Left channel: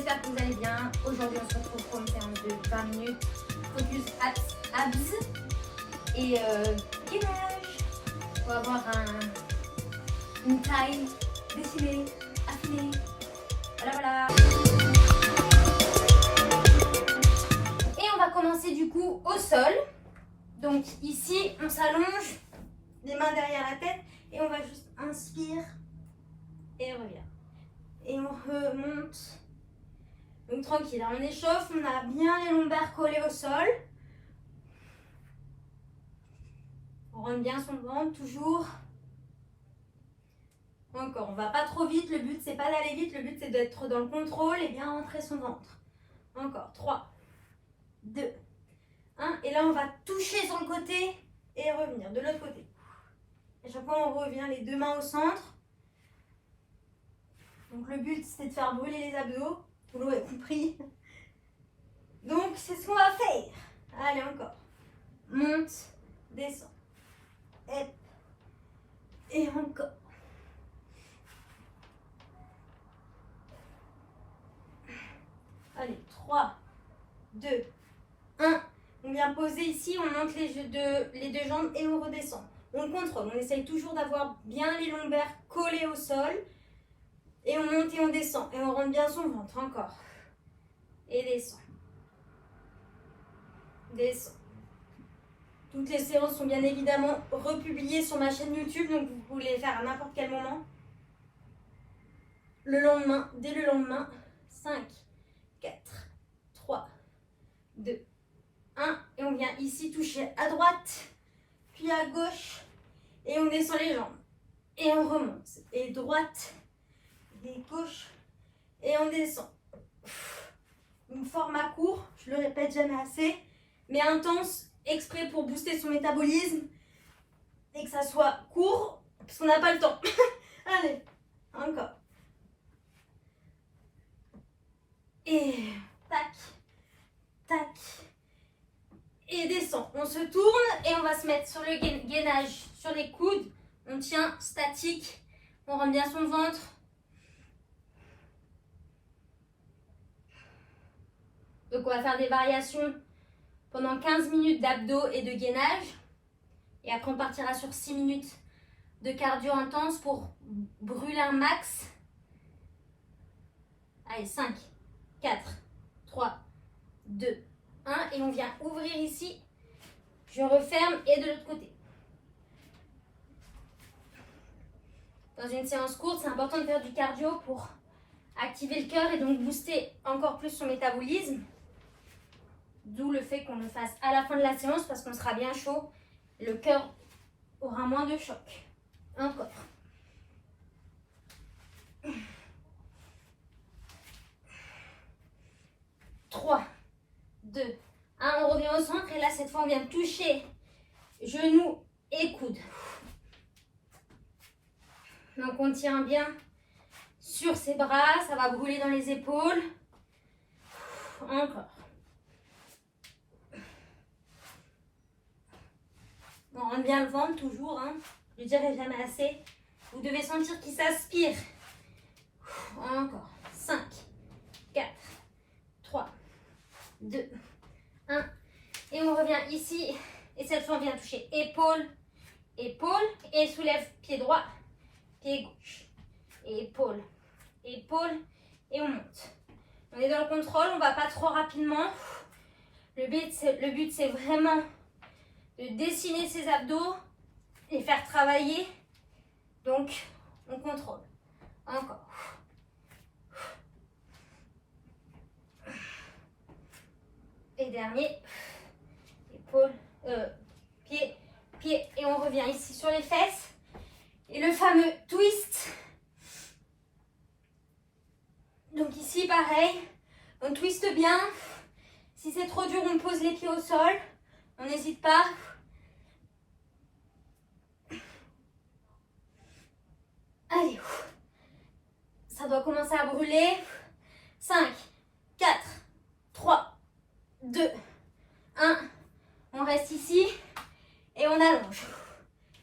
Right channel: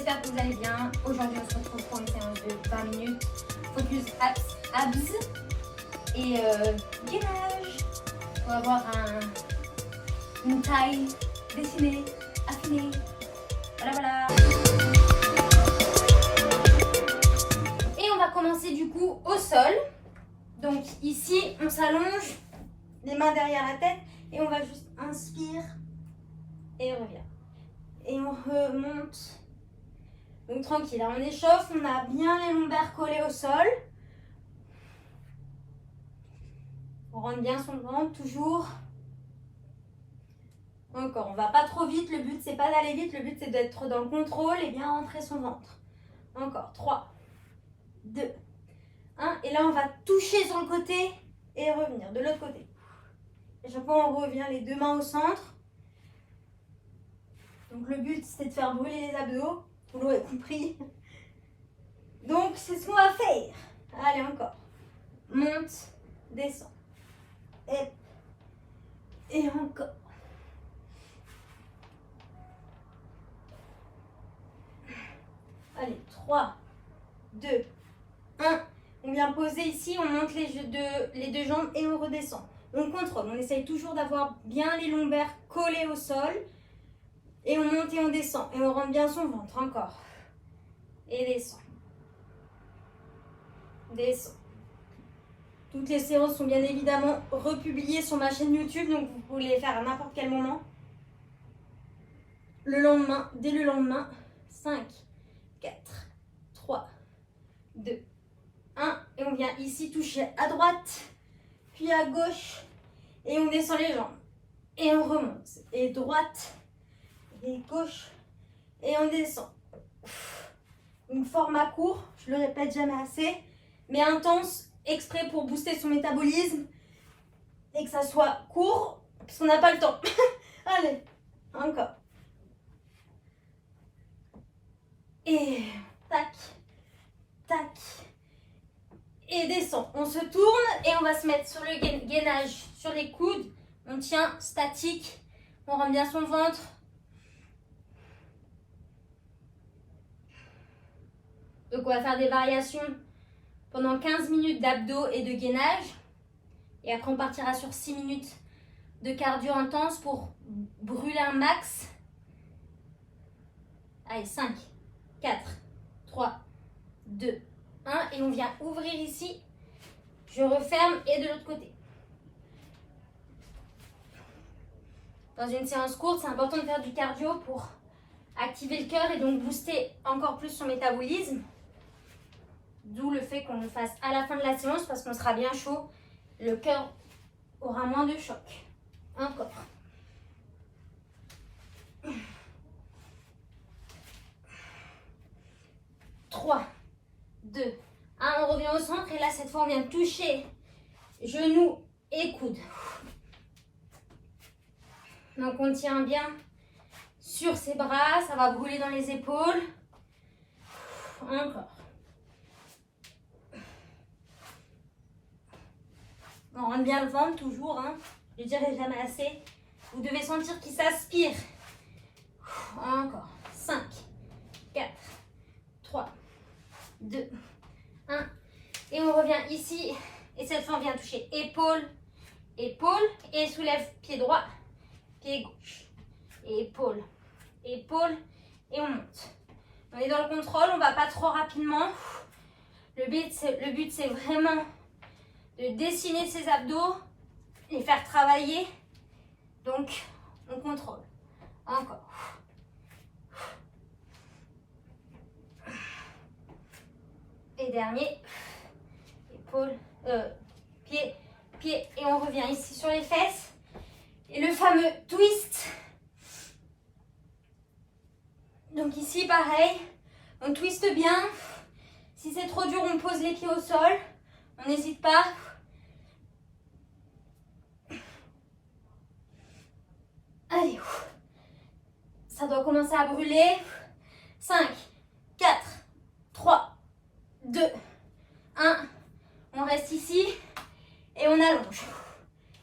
j'espère que vous allez bien. Aujourd'hui, on se retrouve pour une séance de 20 minutes. Focus abs et gainage. On va avoir une taille dessinée, affinée. Voilà, voilà. Et on va commencer du coup au sol. Donc ici, on s'allonge, les mains derrière la tête et on va juste inspire et on revient. Et on remonte. Donc tranquille, on échauffe, on a bien les lombaires collés au sol. On rentre bien son ventre, toujours. Encore, on va pas trop vite, le but c'est pas d'aller vite, le but c'est d'être dans le contrôle et bien rentrer son ventre. Encore, 3, 2, 1. Et là on va toucher sur le côté et revenir de l'autre côté. À chaque fois on revient les deux mains au centre. Donc le but c'est de faire brûler les abdos, vous l'aurez compris. Donc c'est ce qu'on va faire. Allez encore. Monte, descend. Et encore. Allez, 3, 2, 1. On vient poser ici, on monte les deux jambes et on redescend. On contrôle, on essaye toujours d'avoir bien les lombaires collés au sol. Et on monte et on descend. Et on rentre bien son ventre, encore. Et descend. Descend. Toutes les séances sont bien évidemment republiées sur ma chaîne YouTube, donc vous pouvez les faire à n'importe quel moment. Le lendemain, dès le lendemain. 5, 4, 3, 2, 1. Et on vient ici toucher à droite, puis à gauche. Et on descend les jambes. Et on remonte. Et droite, et gauche. Et on descend. Une format court, je le répète jamais assez, mais intense, exprès pour booster son métabolisme. Et que ça soit court, parce qu'on n'a pas le temps. Allez, encore. Et tac, tac. Et descend. On se tourne et on va se mettre sur le gainage, sur les coudes. On tient statique. On rentre bien son ventre. Donc on va faire des variations pendant 15 minutes d'abdos et de gainage. Et après on partira sur 6 minutes de cardio intense pour brûler un max. Allez, 5, 4, 3, 2, 1. Et on vient ouvrir ici. Je referme et de l'autre côté. Dans une séance courte, c'est important de faire du cardio pour activer le cœur et donc booster encore plus son métabolisme. D'où le fait qu'on le fasse à la fin de la séance parce qu'on sera bien chaud. Le cœur aura moins de choc. Encore. Trois, 2, 1. On revient au centre et là cette fois on vient toucher genoux et coudes. Donc on tient bien sur ses bras, ça va brûler dans les épaules. Encore. On rentre bien le ventre toujours, hein. Je ne dirai jamais assez. Vous devez sentir qu'il s'aspire. Encore. 5, 4, 3, 2, 1. Et on revient ici. Et cette fois, on vient toucher épaule, épaule. Et soulève pied droit, pied gauche. Épaule, épaule. Et on monte. On est dans le contrôle, on ne va pas trop rapidement. Le but, c'est vraiment de dessiner ses abdos, les faire travailler. Donc, on contrôle. Encore. Et dernier. Épaule, pied, pied. Et on revient ici sur les fesses. Et le fameux twist. Donc ici, pareil. On twiste bien. Si c'est trop dur, on pose les pieds au sol. On n'hésite pas. Allez. Ça doit commencer à brûler. 5, 4, 3, 2, 1. On reste ici. Et on allonge.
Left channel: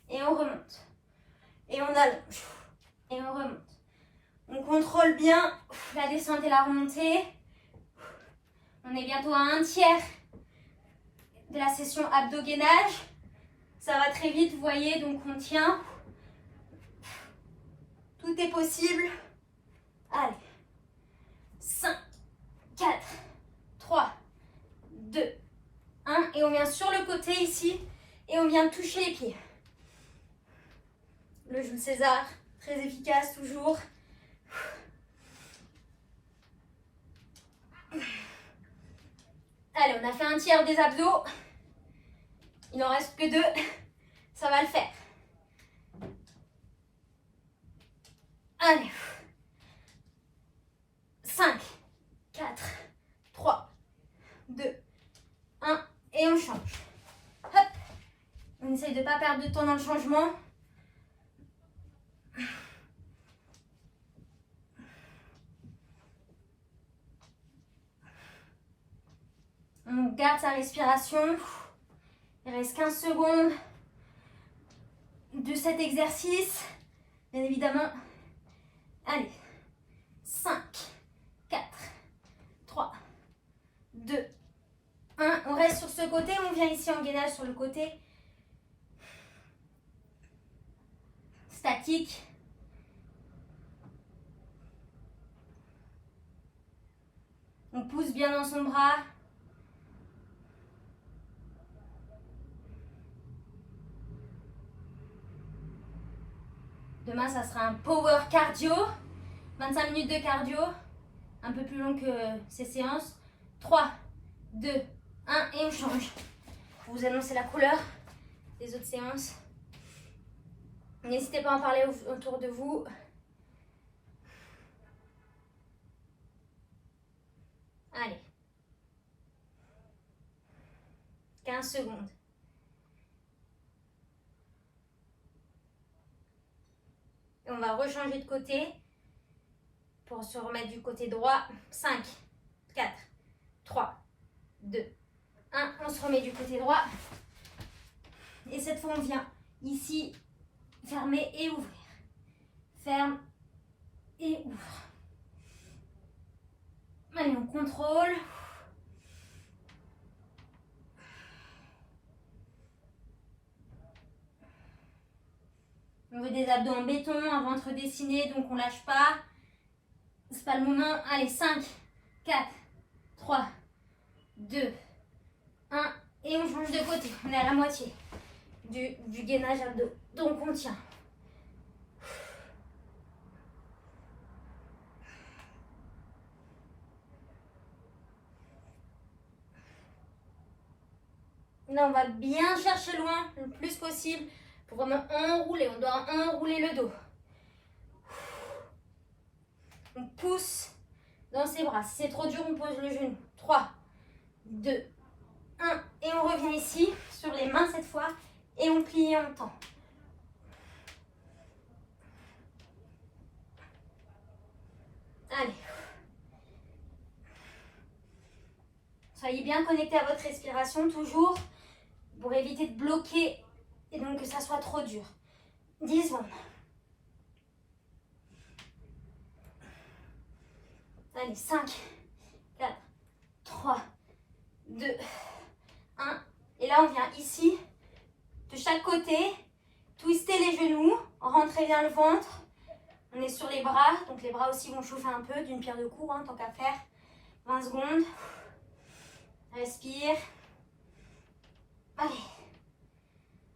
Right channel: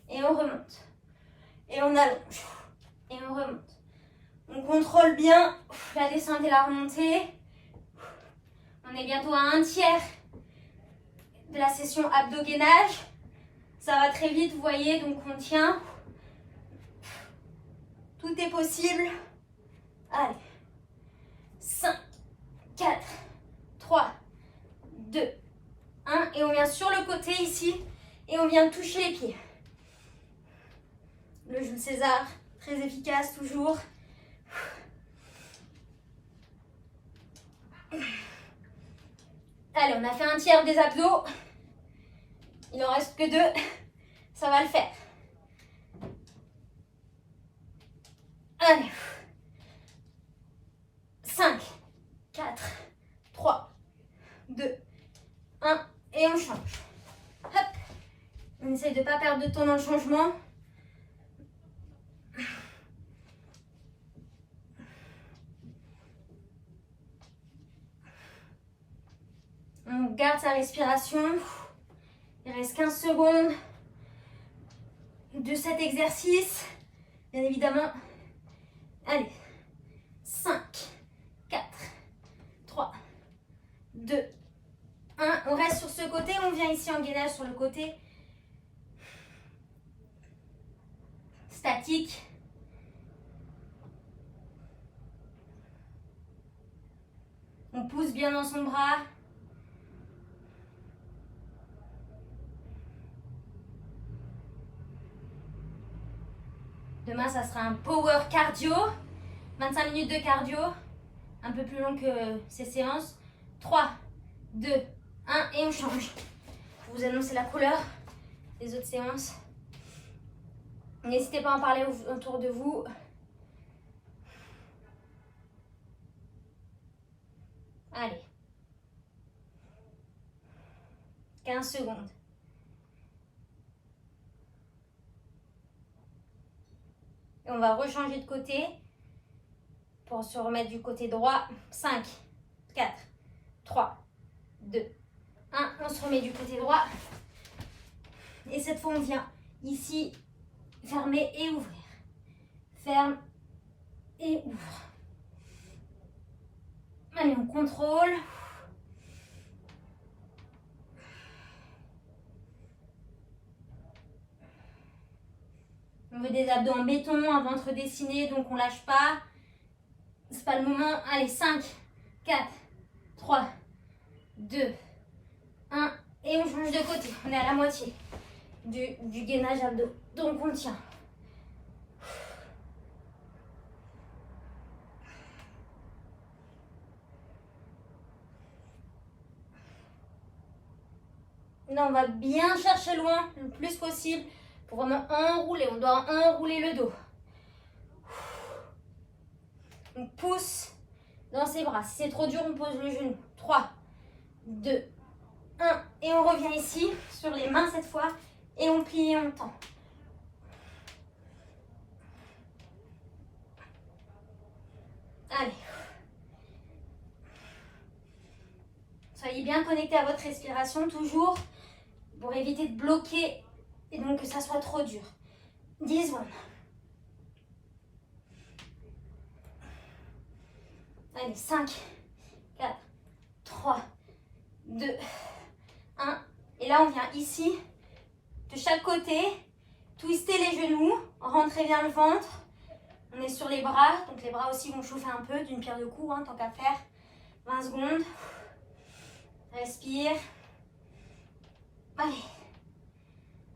Et on remonte. Et on allonge. Et on remonte. On contrôle bien la descente et la remontée. On est bientôt à un tiers de la session abdo-gainage. Ça va très vite, vous voyez, donc on tient. Tout est possible. Allez. 5, 4, 3, 2, 1. Et on vient sur le côté ici. Et on vient toucher les pieds. Le Jules César, très efficace toujours. Allez, on a fait un tiers des abdos. Il n'en reste que 2. Ça va le faire. Allez. 5, 4, 3, 2, 1. Et on change. Hop. On essaye de ne pas perdre de temps dans le changement. On garde sa respiration. Il reste 15 secondes de cet exercice. Bien évidemment. Allez. 5, 4, 3, 2, 1. On reste sur ce côté. On vient ici en gainage sur le côté. Statique. On pousse bien dans son bras. Demain, ça sera un power cardio. 25 minutes de cardio. Un peu plus long que ces séances. 3, 2, 1 et on change. Je vous annonce la couleur des autres séances. N'hésitez pas à en parler autour de vous. Allez. 15 secondes. Et on va rechanger de côté pour se remettre du côté droit. 5, 4, 3, 2, 1. On se remet du côté droit. Et cette fois, on vient ici, fermer et ouvrir. Ferme et ouvre. Allez, on contrôle. On veut des abdos en béton, un ventre dessiné, donc on lâche pas. C'est pas le moment. Allez, 5, 4, 3, 2, 1. Et on change de côté. On est à la moitié du gainage abdos. Donc on tient. Là, on va bien chercher loin, le plus possible, pour vraiment enrouler. On doit enrouler le dos. On pousse dans ses bras. Si c'est trop dur, on pose le genou. 3, 2, 1. Et on revient ici, sur les mains cette fois. Et on plie et on tend. Allez. Soyez bien connectés à votre respiration, toujours, pour éviter de bloquer et donc que ça soit trop dur. 10 secondes. Allez, 5, 4, 3, 2, 1. Et là, on vient ici, de chaque côté, twister les genoux, rentrer vers le ventre. On est sur les bras, donc les bras aussi vont chauffer un peu, d'une pierre deux coups, tant qu'à faire. 20 secondes. Respire. Allez.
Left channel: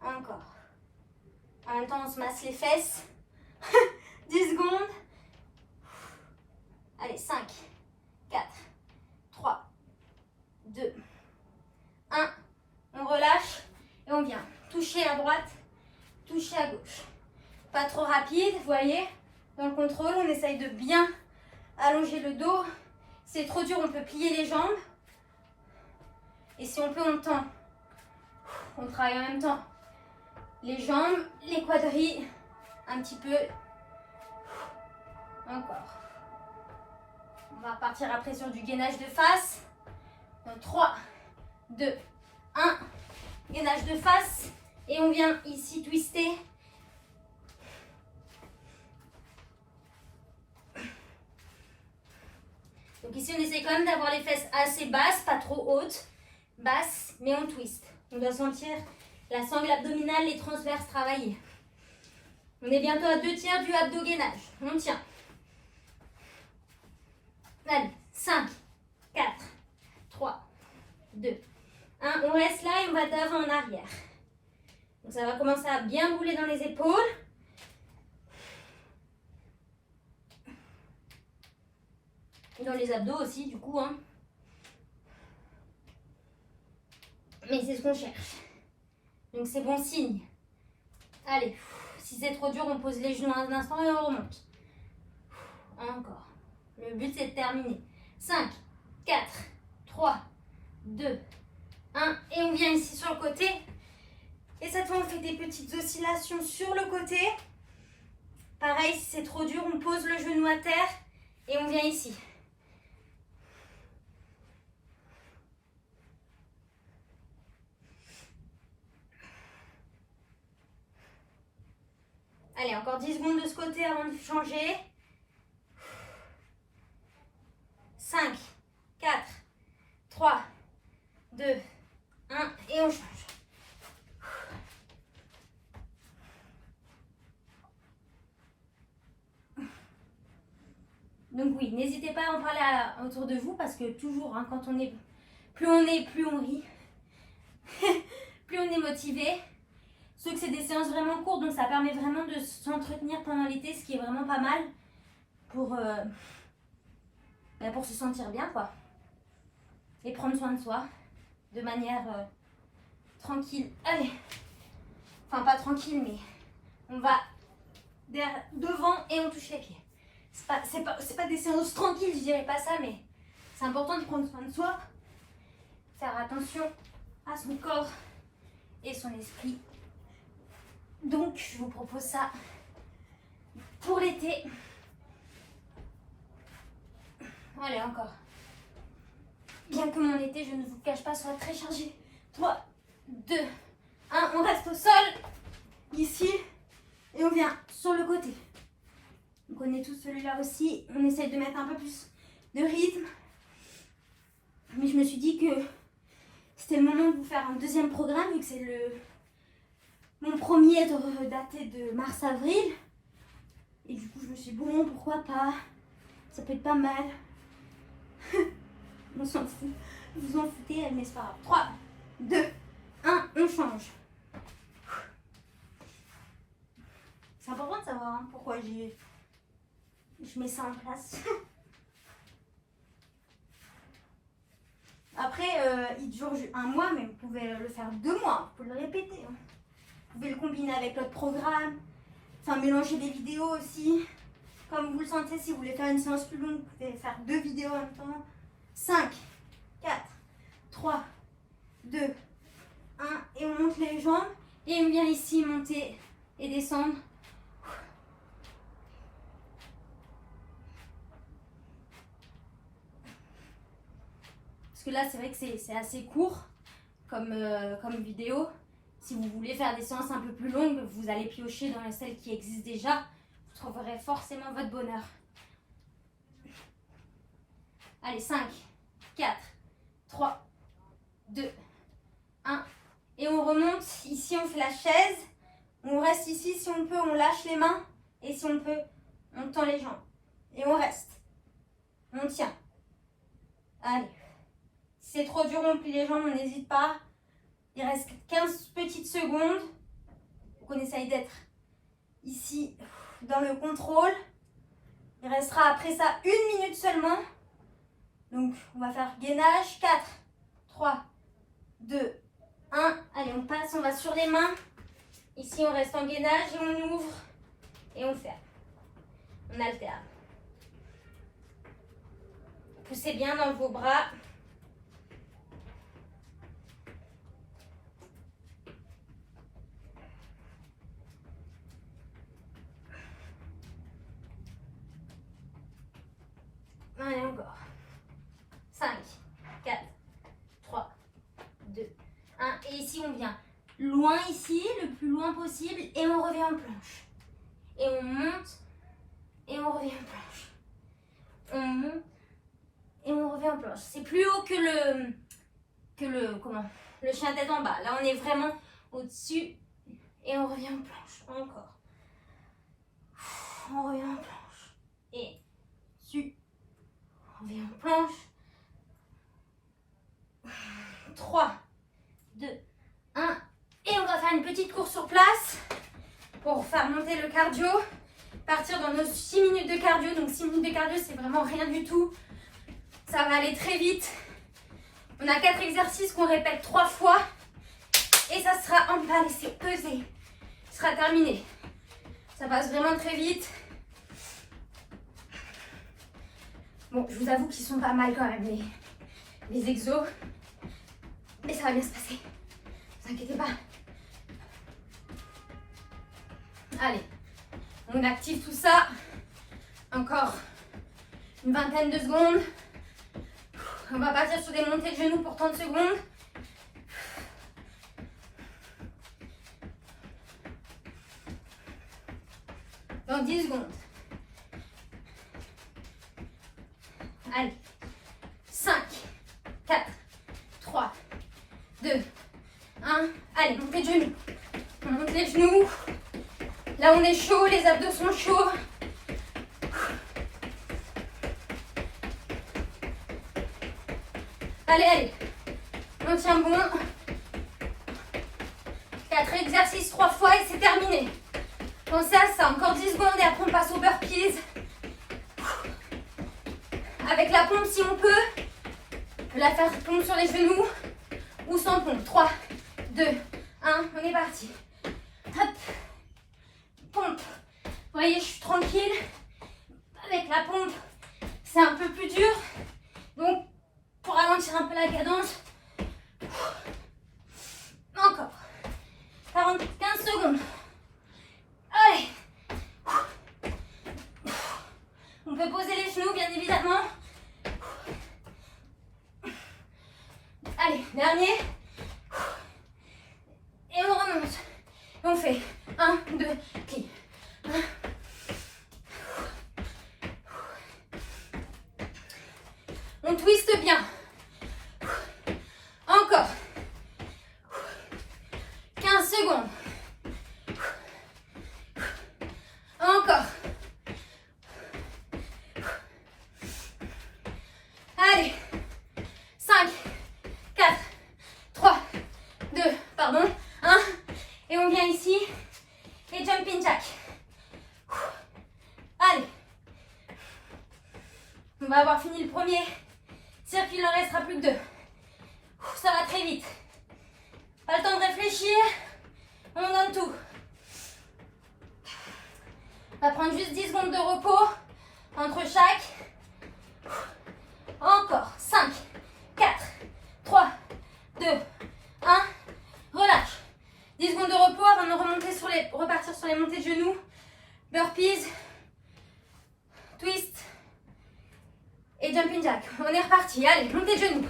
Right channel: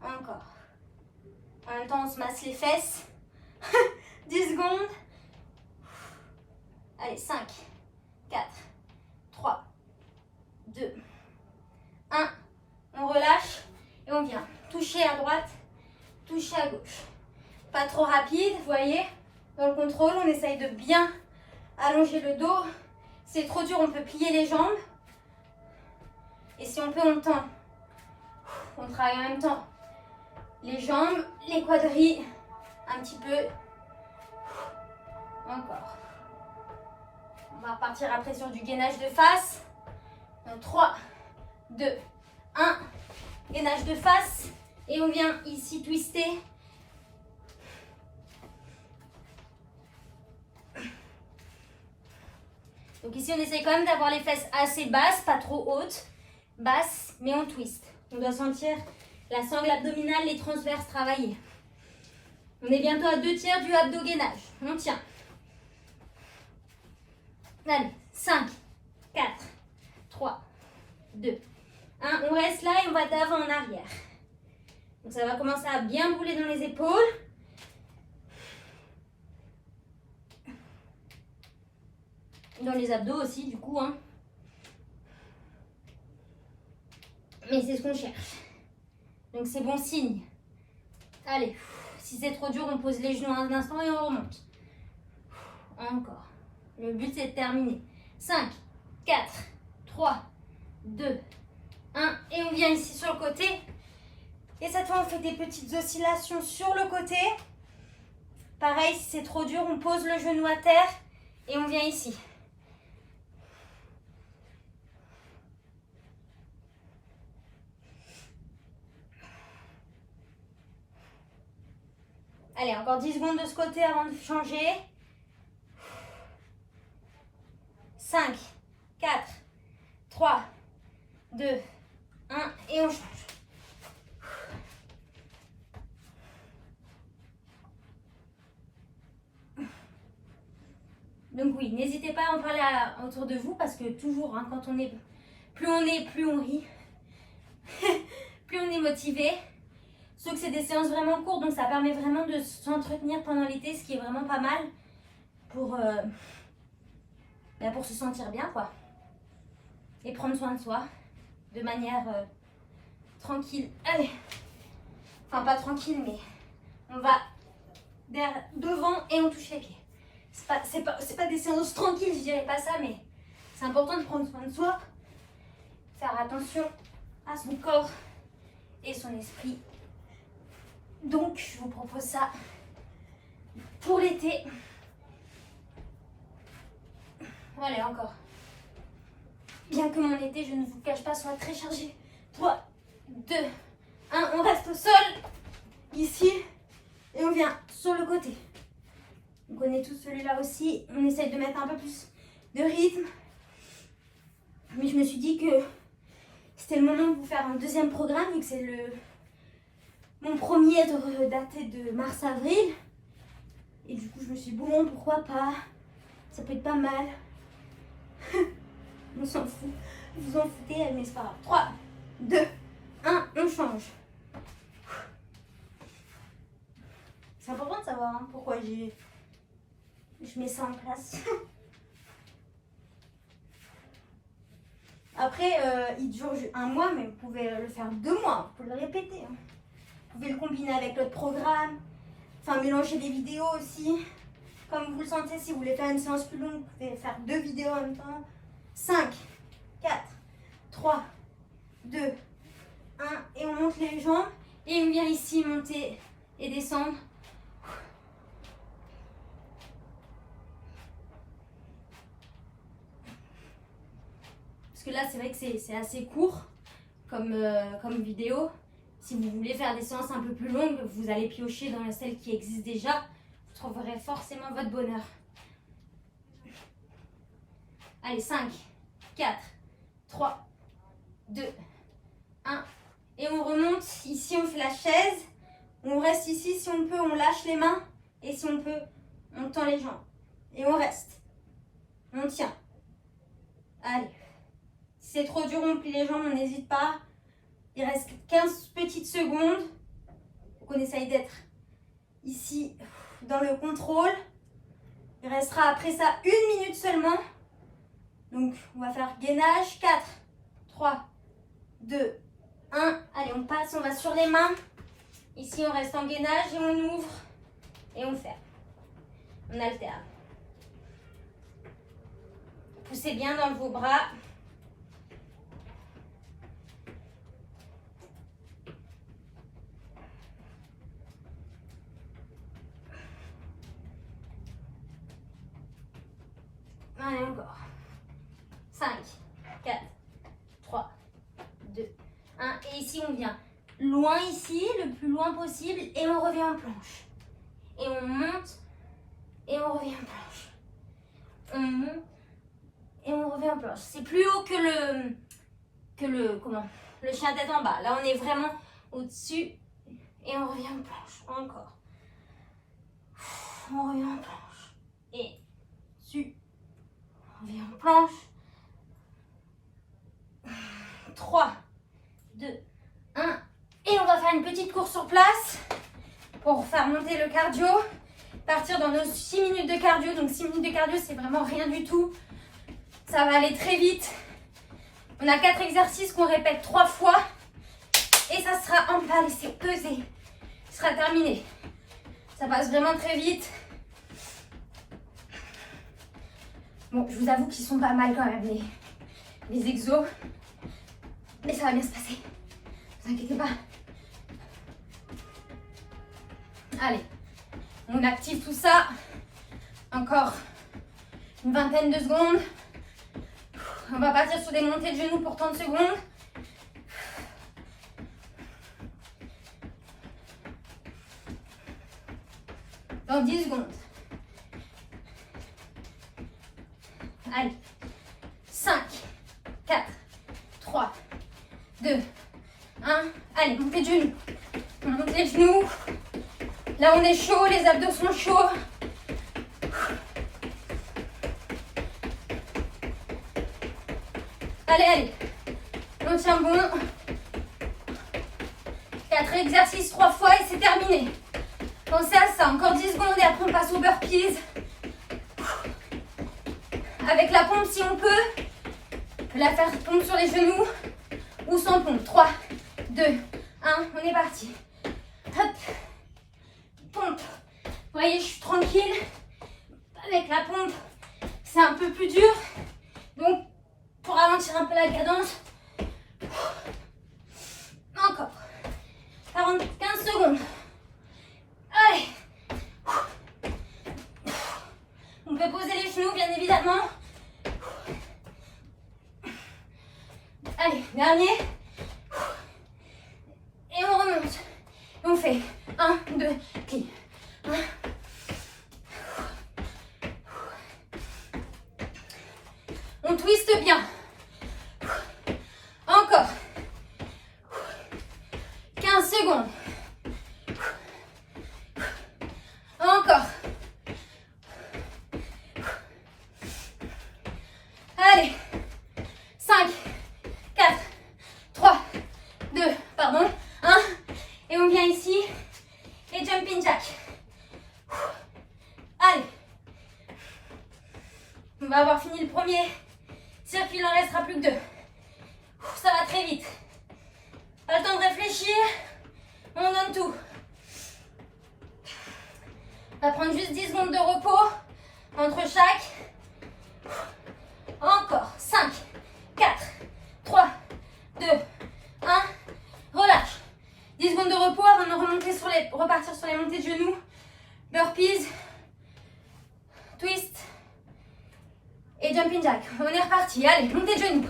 Encore. En même temps, on se masse les fesses. 10 secondes. Allez, 5, 4, 3, 2, 1. On relâche et on vient toucher à droite, toucher à gauche. Pas trop rapide, vous voyez. Dans le contrôle, on essaye de bien allonger le dos. C'est trop dur, on peut plier les jambes. Et si on peut, on tend. On travaille en même temps les jambes, les quadris, un petit peu. Encore. On va repartir après sur du gainage de face. Donc 3, 2, 1. Gainage de face. Et on vient ici twister. Donc ici, on essaye quand même d'avoir les fesses assez basses, pas trop hautes. Basses, mais on twist. On doit sentir la sangle abdominale, les transverses travailler. On est bientôt à 2/3 du abdo-gainage. On tient. Allez, 5, 4, 3, 2, 1. On reste là et on va d'avant en arrière. Donc ça va commencer à bien bouler dans les épaules. Dans les abdos aussi, du coup. Hein. Mais c'est ce qu'on cherche. Donc c'est bon signe. Allez, si c'est trop dur, on pose les genoux un instant et on remonte. Encore. Le but, c'est de terminer. 5, 4, 3, 2, 1. Et on vient ici sur le côté. Et cette fois, on fait des petites oscillations sur le côté. Pareil, si c'est trop dur, on pose le genou à terre et on vient ici. Allez, encore 10 secondes de ce côté avant de changer. 5, 4, 3, 2, 1 et on change. Donc oui, n'hésitez pas à en parler autour de vous parce que toujours, hein, quand on est, plus on rit, plus on est motivé. Sauf que c'est des séances vraiment courtes, donc ça permet vraiment de s'entretenir pendant l'été, ce qui est vraiment pas mal pour se sentir bien, quoi. Et prendre soin de soi de manière tranquille. Allez, enfin pas tranquille, mais on va devant et on touche les pieds. C'est pas des séances tranquilles, je dirais pas ça, mais c'est important de prendre soin de soi, faire attention à son corps et son esprit. Donc, je vous propose ça pour l'été. Allez, encore. Bien que mon été, je ne vous cache pas, soit très chargé. 3, 2, 1. On reste au sol, ici, et on vient sur le côté. On connaît tous celui-là aussi. On essaye de mettre un peu plus de rythme. Mais je me suis dit que c'était le moment de vous faire un deuxième programme, vu que c'est mon premier daté de mars-avril. Et du coup, je me suis dit, bon, pourquoi pas? Ça peut être pas mal. On s'en fout. Vous en foutez, mais c'est pas grave. 3, 2, 1, on change. C'est important de savoir hein, pourquoi je mets ça en place. Après, il dure un mois, mais vous pouvez le faire 2 mois. Vous pouvez le répéter. Hein. Vous pouvez le combiner avec l'autre programme. Enfin, mélanger les vidéos aussi. Comme vous le sentez, si vous voulez faire une séance plus longue, vous pouvez faire 2 vidéos en même temps. 5, 4, 3, 2, 1. Et on monte les jambes. Et on vient ici monter et descendre. Parce que là, c'est vrai que c'est assez court comme vidéo. Si vous voulez faire des séances un peu plus longues, vous allez piocher dans celles qui existent déjà. Vous trouverez forcément votre bonheur. Allez, 5, 4, 3, 2, 1. Et on remonte. Ici, on fait la chaise. On reste ici. Si on peut, on lâche les mains. Et si on peut, on tend les jambes. Et on reste. On tient. Allez. Si c'est trop dur, on plie les jambes, on n'hésite pas. Il reste 15 petites secondes. Donc on essaye d'être ici dans le contrôle. Il restera après ça 1 minute seulement. Donc on va faire gainage. 4, 3, 2, 1. Allez, on passe, on va sur les mains. Ici, on reste en gainage et on ouvre. Et on ferme. On alterne. Poussez bien dans vos bras. Allez, encore. 5, 4, 3, 2, 1. Et ici, on vient loin ici, le plus loin possible. Et on revient en planche. Et on monte. Et on revient en planche. On monte. Et revient en planche. C'est plus haut que le chien tête en bas. Là, on est vraiment au-dessus et on revient en planche. Encore. On revient en planche. Et dessus. On revient en planche. 3, 2, 1. Et on va faire une petite course sur place pour faire monter le cardio. Partir dans nos 6 minutes de cardio. Donc 6 minutes de cardio, c'est vraiment rien du tout. Ça va aller très vite. On a 4 exercices qu'on répète 3 fois. Et ça sera en bas, laissez peser. Ce sera terminé. Ça passe vraiment très vite. Bon, je vous avoue qu'ils sont pas mal quand même, les exos. Mais ça va bien se passer. Ne vous inquiétez pas. Allez, on active tout ça. Encore une vingtaine de secondes. On va partir sur des montées de genoux pour 30 secondes. Dans 10 secondes. Allez. 5, 4, 3, 2, 1. Allez, montez de genoux. On monte les genoux. Là, on est chaud, les abdos sont chauds. Allez, allez. On tient bon. 4 exercices 3 fois et c'est terminé. Pensez à ça. Encore 10 secondes et après on passe au burpees. Avec la pompe si on peut. La faire pompe sur les genoux ou sans pompe. 3, 2, 1. On est parti. Hop. Pompe. Vous voyez, je suis tranquille. Avec la pompe, c'est un peu plus dur. Donc, pour ralentir un peu la cadence. Encore. 15 secondes. Allez. On peut poser les genoux, bien évidemment. Allez, dernier. Et on remonte. On fait 1, 2, plie. 1. On twiste bien. Encore. 15 secondes. Encore. Allez. 5, 4, 3, 2, pardon, 1. Et on vient ici. Et jumping jack. Allez. On va avoir fini le premier circuit, il n'en restera plus que 2. Ça va très vite. Pas le temps de réfléchir. On donne tout. On va prendre juste 10 secondes de repos entre chaque. Encore. 5, 4, 3, 2, 1. Relâche. 10 secondes de repos avant de repartir sur les montées de genoux. Burpees. Twist. Et jumping jack. On est reparti. Allez, montée de genoux.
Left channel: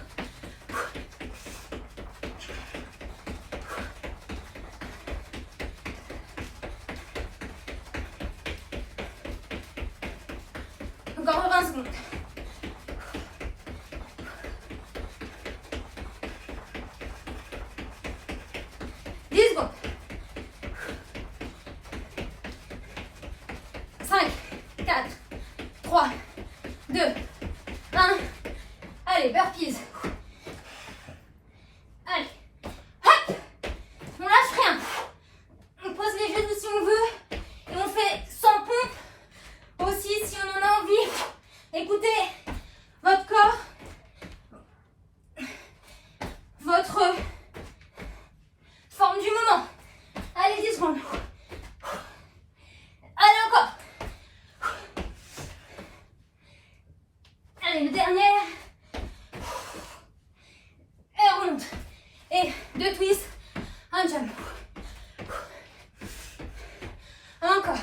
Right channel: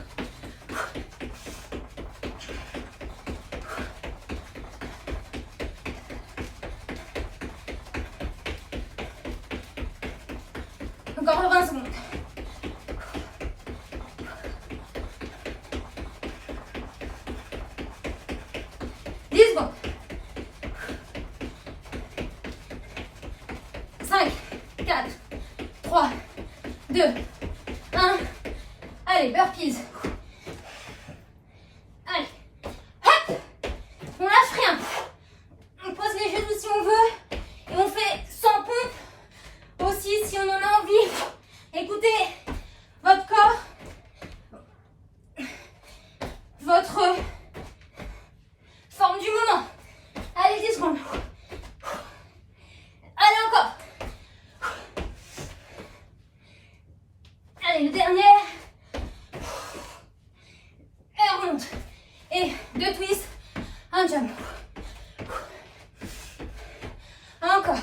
Encore 20 secondes. Secondes. 5, 4, 3, 2, 1. Allez, burpees. Allez. Hop. On lâche rien. On pose les genoux si on veut. Et on fait sans pompe aussi si on en a envie. Écoutez votre corps. Votre forme du moment. Allez, 10 secondes. Allez, encore. Allez, le dernier. Et on remonte. Et 2 twists. Un jump. Encore.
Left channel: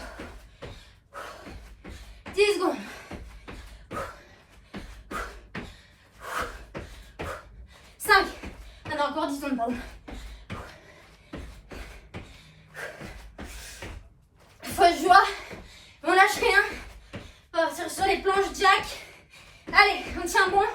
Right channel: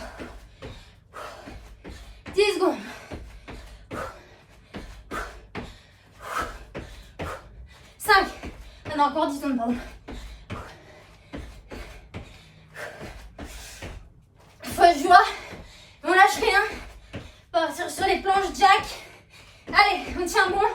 10 secondes. 5. On a encore 10 secondes, pardon. Fausse joie. On lâche rien. On va partir sur les planches jack. Allez, on tient bon.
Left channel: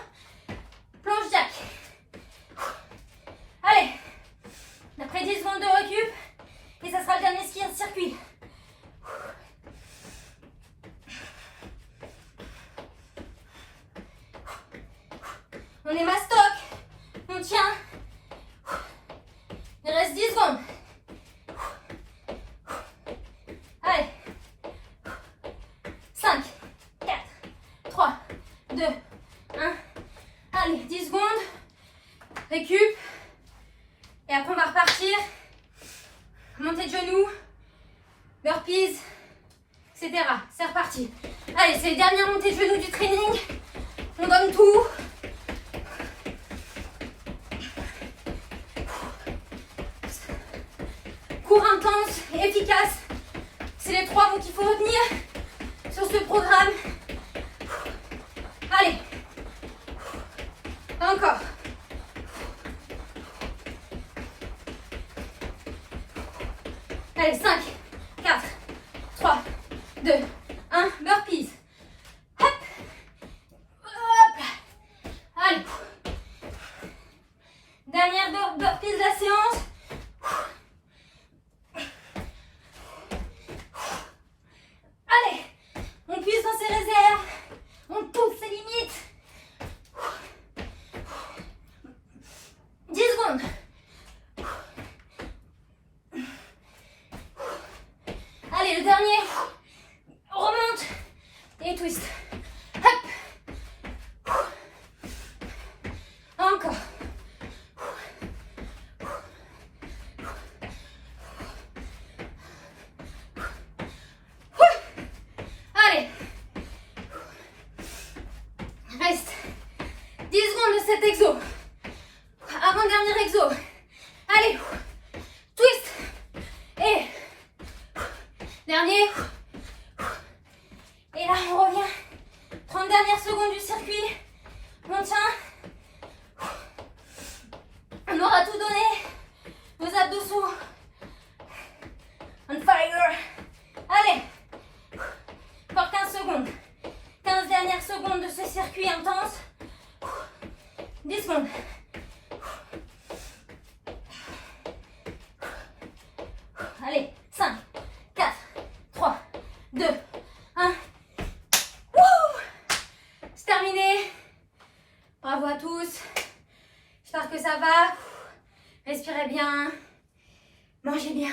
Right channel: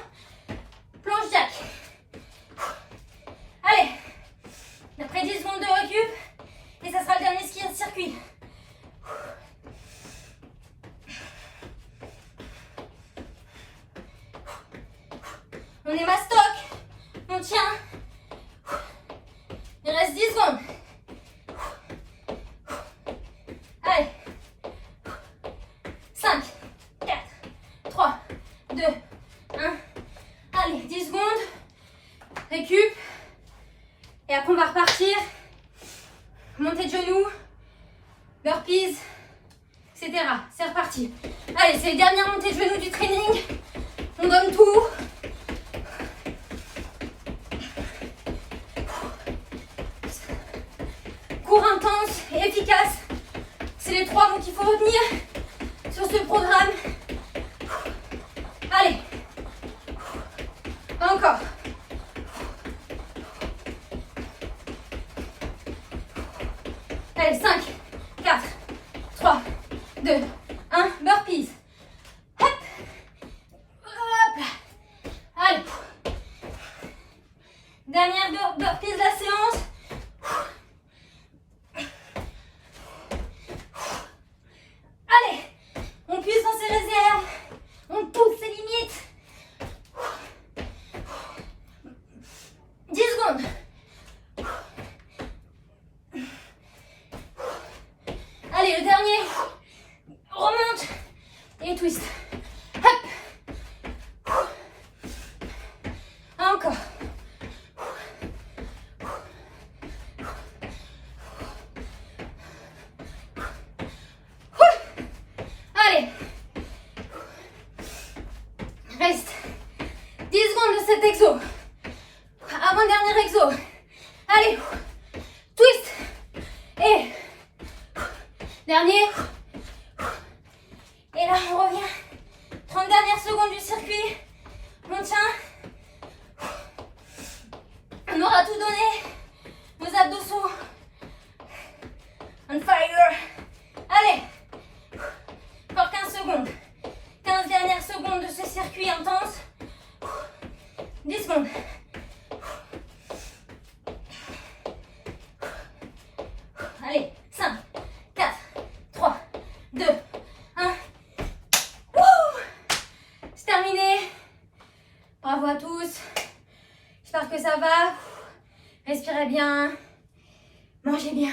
On est mastoc. On tient. Il reste 10 secondes. Allez. 5, 4, 3, 2, 1. Allez, 10 secondes. Récup. Et après, on va repartir. Montée de genoux. Burpees. Etc. C'est reparti. Allez, c'est les dernières montées de genoux du training. On donne tout. Cours intense et efficace. C'est les 3 mots qu'il faut retenir sur ce programme. Allez. Encore. Allez, 5, 4, 3, 2, 1. Burpees. Hop. Hop là. Allez. Dernière burpees de la séance. Allez. On puise dans ses réserves. On pousse ses limites. 10 secondes. Allez, le dernier. Remonte. Et twist. Hop. Encore. Allez. Reste 10 secondes de cet exo. Avant-dernier exo. Allez. Twist. Et dernier. Et là, on revient. 30 dernières secondes du circuit. On tient. On aura tout donné. Nos abdos sont on fire. Allez. Encore 15 secondes. 15 dernières secondes de ce circuit intense. 10 secondes. Allez, 5, 4, 3, 2, 1. C'est terminé. Bravo à tous. J'espère que ça va. Respirez bien. Mangez bien.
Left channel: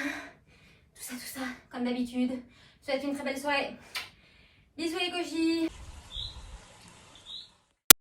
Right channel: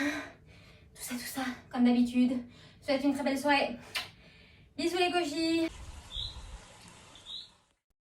Tout ça, comme d'habitude. Je vous souhaite une très belle soirée. Bisous les cochis.